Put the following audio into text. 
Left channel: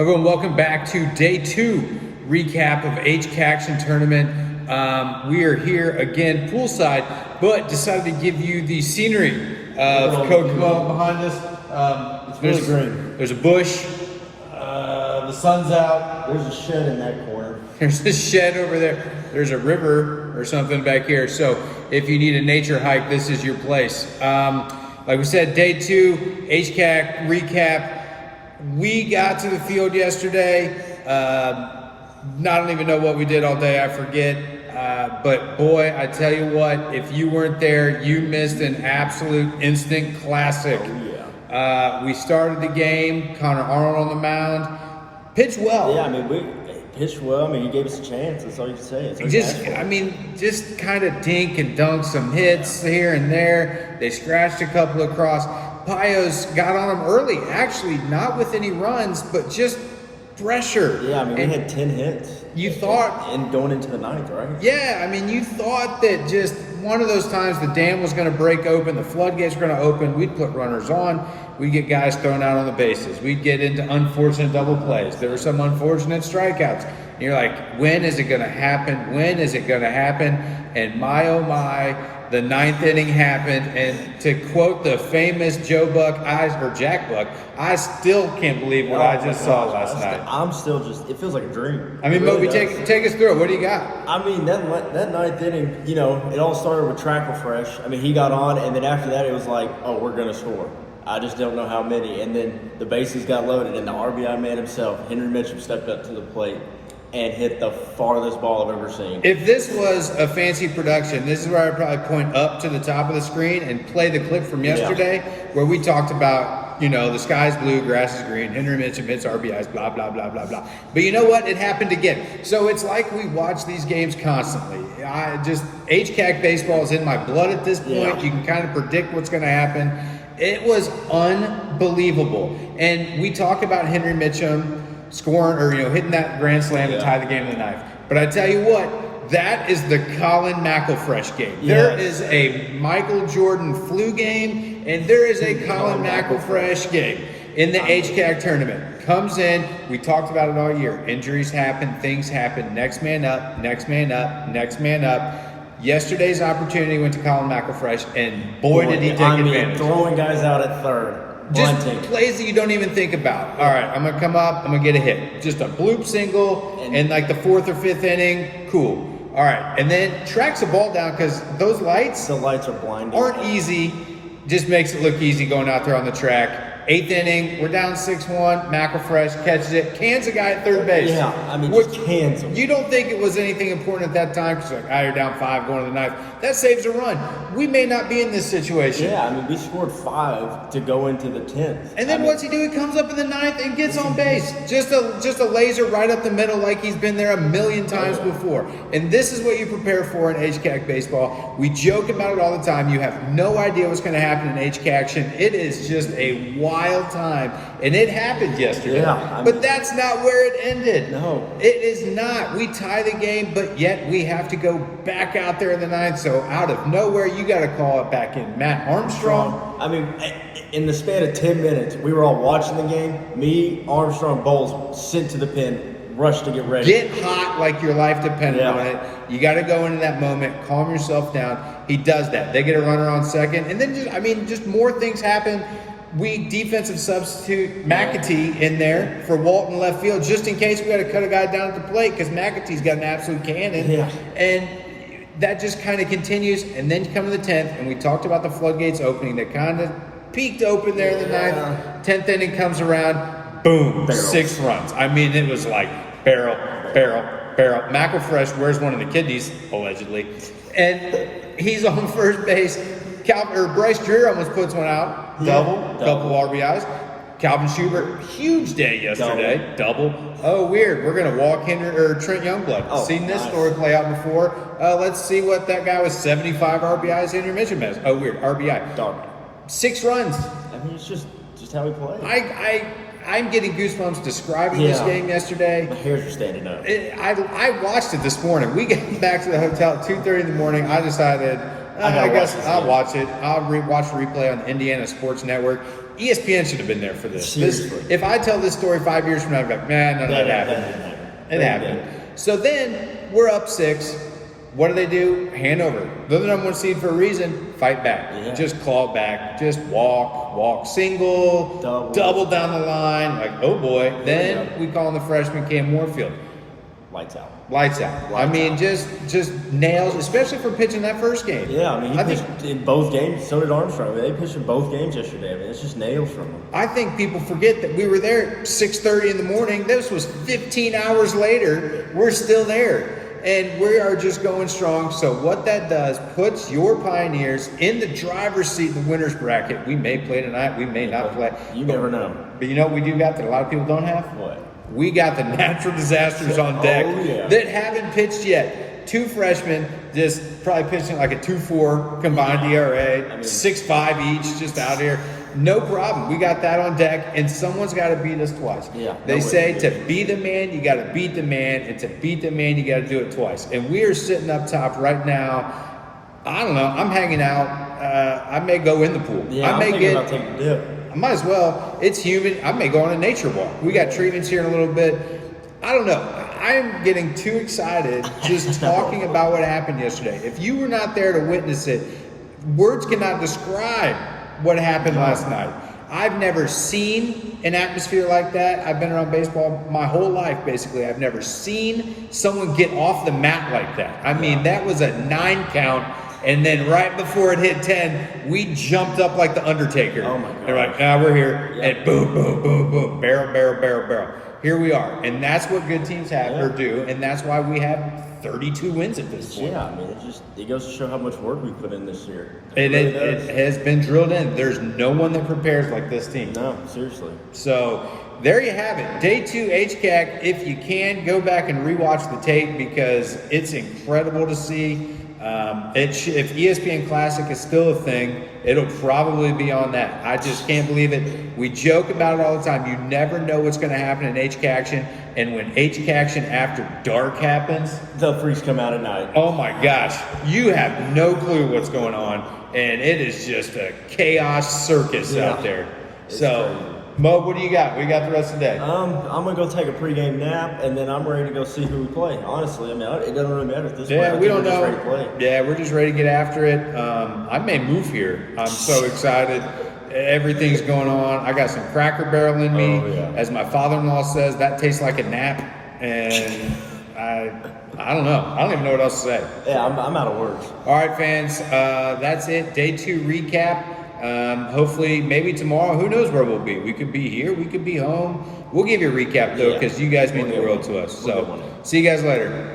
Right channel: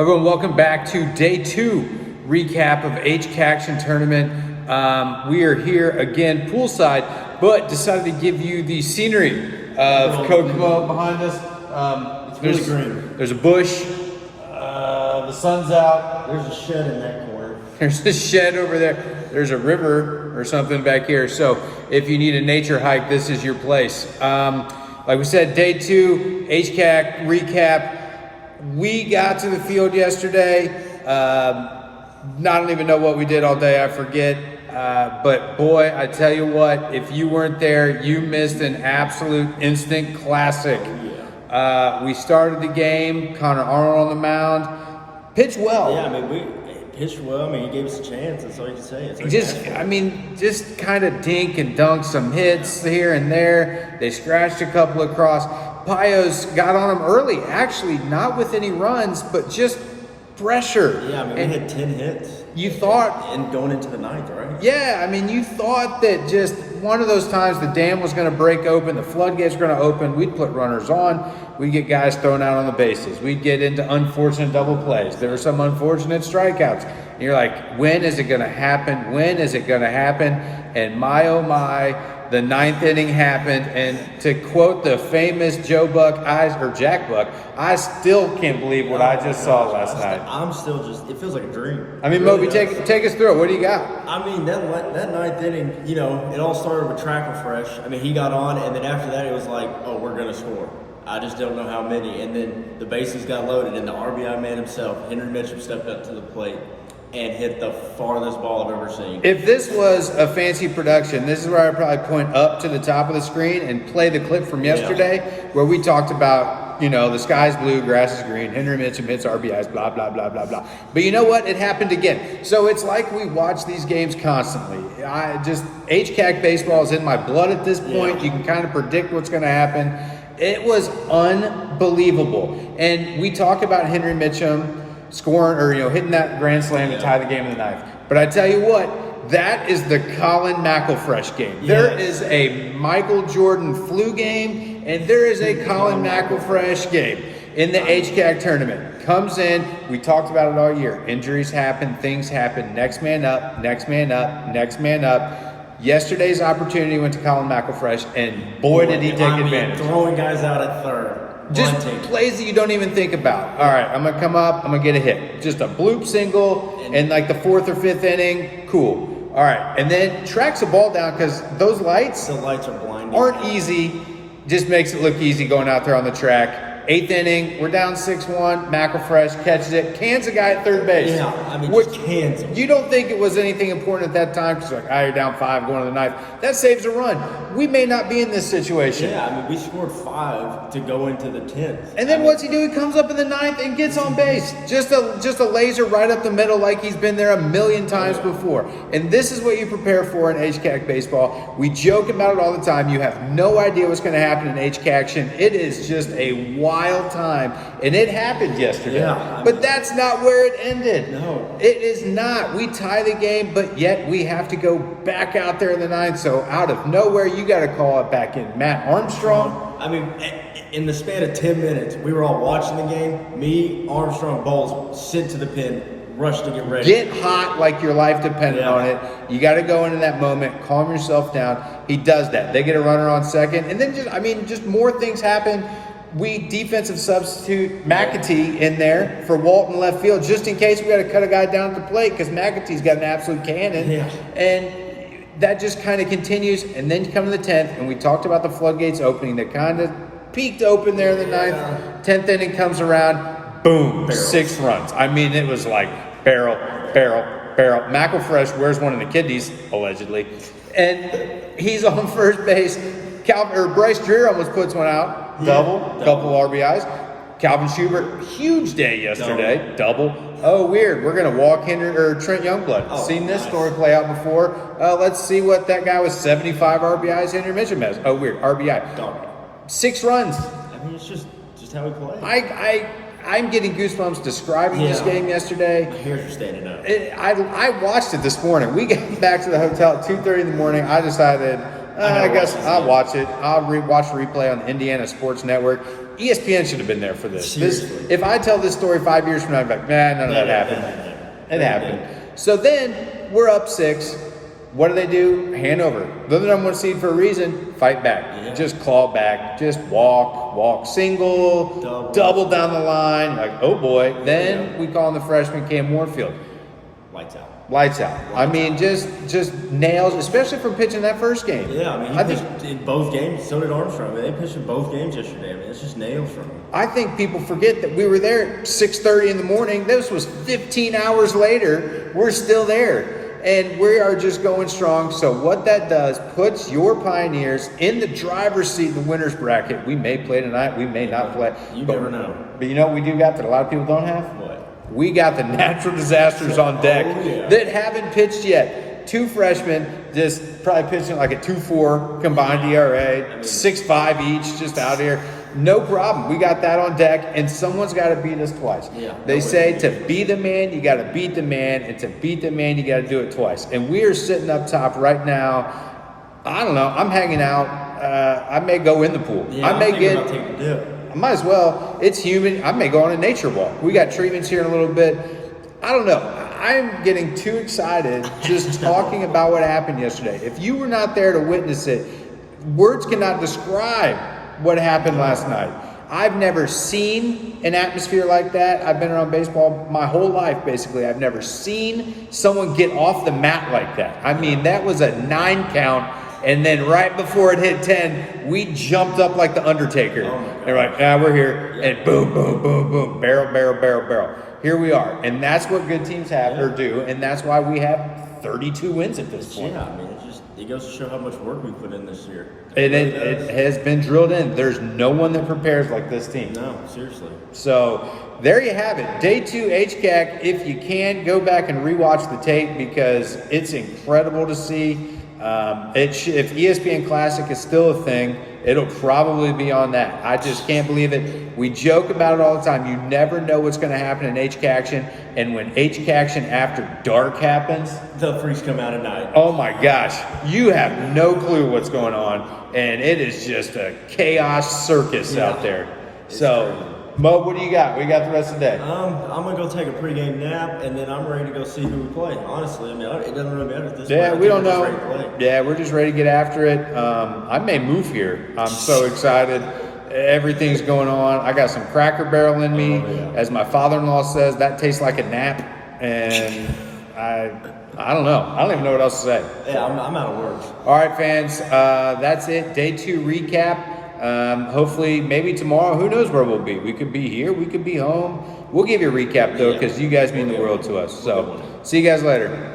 Everyone, welcome back to day 2 recap of HCAC tournament. We are here again poolside, but decided to give you the scenery of Coach behind us. It's really green. There's a bush. The sun's out. There's a shed in that corner. There's a shed over there. There's a river or something back here. So if you need a nature hike, this is your place. Like we said, day 2 HCAC recap. We got to the field yesterday. I don't even know what we did all day. I forget. But boy, I tell you what, if you weren't there, you missed an absolute instant classic. Oh, yeah. We started the game. Connor Arnold on the mound. Pitched well. Yeah, I mean, we pitched well. I mean, he gave us a chance. That's all you can say. Just kind of dink and dunk some hits here and there. They scratched a couple across. Pios got on him early, actually not with any runs, but just pressure. Yeah, I mean, we had 10 hits. You thought... And going into the 9th, right? Yeah, I mean, you thought that just one of those times the dam was going to break open, the floodgates were going to open, we'd put runners on, we'd get guys thrown out on the bases, we'd get into unfortunate double plays. There were some unfortunate strikeouts. And you're like, when is it going to happen? When is it going to happen? And my, oh my... The 9th inning happened, and to quote the famous Joe Buck, or Jack Buck, I still can't believe what I just saw last night. I'm still just, it feels like a dream. I mean, really Moby, take us through it. What do you got? I mean, that 9th inning, you know, it all started with track refresh. I mean, he got on, and then after that, it was like, oh, we're going to score. I just don't know how many. And then the bases got loaded, and the RBI man himself, Henry Mitchell, stepped up to the plate and hit the farthest ball I've ever seen. If this was a fancy production, this is where I'd probably point up to the top of the screen and play the clip from yesterday where we talked about, you know, the sky's blue, grass is green, Henry Mitchell hits RBIs, blah, blah, blah, blah, blah. But you know what? It happened again. So it's like we watch these games constantly. HCAC baseball is in my blood at this point. Yeah. You can kind of predict what's going to happen. It was unbelievable. And we talk about Henry Mitchell scoring or hitting that grand slam to tie the game in the 9th. But I tell you what, that is the Colin McElfresh game. Yeah. There is a Michael Jordan flu game, and there is a Colin McElfresh game in the HCAC tournament. Comes in, we talked about it all year. Injuries happen, things happen. Next man up, next man up, next man up. Yesterday's opportunity went to Colin McElfresh, and boy did he take advantage. Throwing guys out at third. Just plays that you don't even think about. All right, I'm going to come up, I'm going to get a hit. Just a bloop single in like the 4th or 5th inning. Cool. All right, and then tracks the ball down because those lights... The lights are blinding. ...aren't easy. Just makes it look easy going out there on the track. 8th inning, we're down 6-1. McElfresh catches it, cans a guy at third base. Yeah, I mean, you don't think it was anything important at that time because you're down 5 going to the 9th. That saves a run. We may not be in this situation. Yeah, I mean, we scored 5 to go into the 10th. And then what's he do? He comes up in the 9th and gets on base. Just a laser right up the middle like he's been there a million times before. And this is what you prepare for in HCAC baseball. We joke about it all the time. You have no idea what's going to happen in HCAC action. It is just a wild time. And it happened yesterday. Yeah, but that's not where it ended. No. It is not. We tie the game, but yet we have to go back out there in the 9th. So out of nowhere, you got to call it back in. Matt Armstrong. I mean, in the span of 10 minutes, we were all watching the game. Me, Armstrong, Bowles, sent to the pen, rushed to get ready. Get hot like your life depended on it. You got to go into that moment, calm yourself down. He does that. They get a runner on second. And then, just more things happen. We defensive substitute McAtee in there for Walton left field, just in case we got to cut a guy down at the plate because McAtee's got an absolute cannon. Yeah. And that just kind of continues, and then come to the 10th, and we talked about the floodgates opening. They kind of peaked open there in the 9th. 10th inning comes around, boom, 6 runs. I mean, it was like barrel. McElfresh wears one of the kidneys, allegedly, and he's on first base. Bryce Dreer almost puts one out, double RBIs. Calvin Schubert, huge day yesterday, double. Oh, weird. We're going to walk Trent Youngblood. Seen this story play out before. Let's see what that guy with 75 RBIs Henry Mitchell has. Oh, weird. RBI. Dog. 6 runs. I mean, it's just how we play. I'm getting goosebumps describing this game yesterday. My hairs are standing up. I watched it this morning. We got back to the hotel at 2:30 in the morning. I decided, I guess I'll watch it. I'll watch the replay on the Indiana Sports Network. ESPN should have been there for this. Seriously. If I tell this story 5 years from now, I'm like, nah, none of that happened. It happened. So then we're up 6. What do? Hand over. They're the number 1 seed for a reason. Fight back. Yeah. Just claw back. Just walk single, double down the line. Like, oh boy. Then we call in the freshman Cam Warfield. Lights out. I mean, just nails, especially for pitching that first game. Yeah, I mean, he pitched in both games. So did Armstrong. They pitched in both games yesterday. I mean, it's just nails from him. I think people forget that we were there at 6:30 in the morning. This was 15 hours later. We're still there. And we are just going strong. So what that does, puts your Pioneers in the driver's seat in the winner's bracket. We may play tonight. We may not play. You never know. But you know what we do got that a lot of people don't have? What? We got the natural disasters on deck that haven't pitched yet. 2 freshmen just probably pitching like a 2.4 combined ERA, 6.5 each, just out there. No problem. We got that on deck, and someone's got to beat us twice. Yeah, they say to beat a man, you got to beat the man, and to beat the man, you got to do it twice. And we are sitting up top right now. I don't know. I'm hanging out. I may go in the pool. Yeah, I may I'm thinking about taking a dip. I might as well. It's humid. I may go on a nature walk. We got treatments here in a little bit. I don't know. I'm getting too excited just talking about what happened yesterday. If you were not there to witness it, words cannot describe what happened last night. I've never seen an atmosphere like that. I've been around baseball my whole life, basically. I've never seen someone get off the mat like that. I mean, that was a 9 count. And then right before it hit 10, we jumped up like the Undertaker. Oh, my God. They're like, we're here. Yeah. And boom, boom, boom, boom. Barrel. Here we are. And that's what good teams have or do. And that's why we have 32 wins at this point. Yeah, I mean, it goes to show how much work we put in this year. It has been drilled in. There's no one that prepares like this team. No, seriously. So there you have it. Day 2 HCAC. If you can, go back and rewatch the tape because it's incredible to see. If ESPN Classic is still a thing, it'll probably be on that. I just can't believe it. We joke about it all the time. You never know what's going to happen in HCAC, and when HCAC after dark happens, the freaks come out at night. Oh my gosh, you have no clue what's going on, and it is just a chaos circus out there. So, crazy. Mo, what do you got? We got the rest of the day. I'm gonna go take a pregame nap, and then I'm ready to go see who we play. Honestly, I mean, it doesn't really matter at this point. Yeah, we don't know. Ready to play. Yeah, we're just ready to get after it. I may move here. I'm so excited. Everything's going on. I got some Cracker Barrel in me. As my father-in-law says, that tastes like a nap, and I don't know. I don't even know what else to say. Yeah, I'm out of words. All right, fans. That's it. Day 2 recap. Hopefully, maybe tomorrow. Who knows where we'll be? We could be here. We could be home. We'll give you a recap, though, because you guys mean the world to us. So, see you guys later.